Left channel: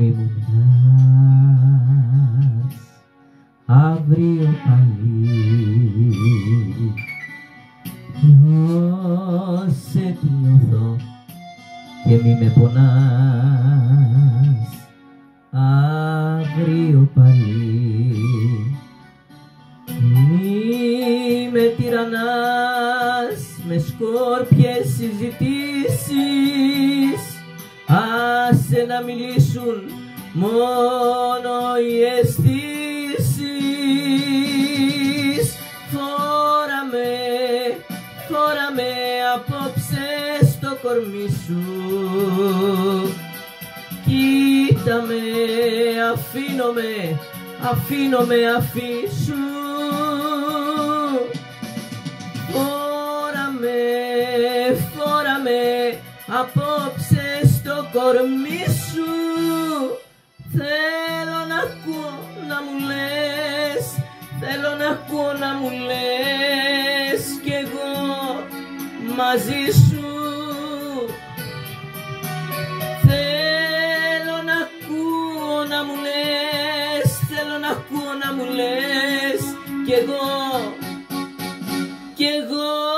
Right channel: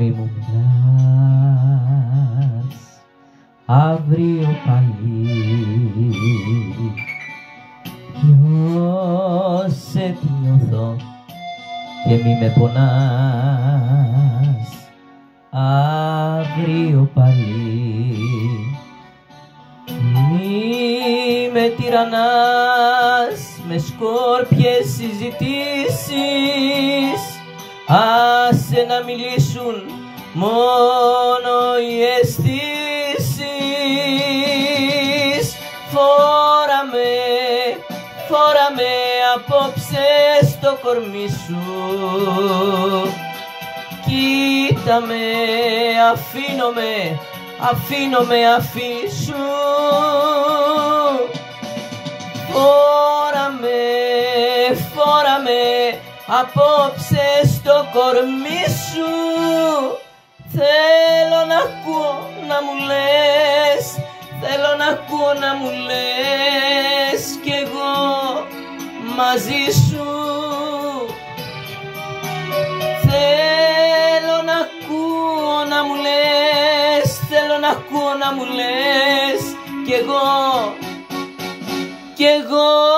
μη μου μιλάς αύριο πάλι, νιώσε τι νιώθω και μη με πονάς αύριο πάλι. Μη με τυραννάς με σκόρπιες συζητήσεις, άσε να μιλήσουν μόνο οι αισθήσεις. Φόρα με απόψε στο κορμί σου, κοίτα με, αφήσου. Φόρα με απόψε στο κορμί σου. Θέλω να ακούω να μου λες, θέλω να ακούω να μου λες κι εγώ μαζί σου. Θέλω να ακούω να μου λες, θέλω να ακούω να μου λες κι εγώ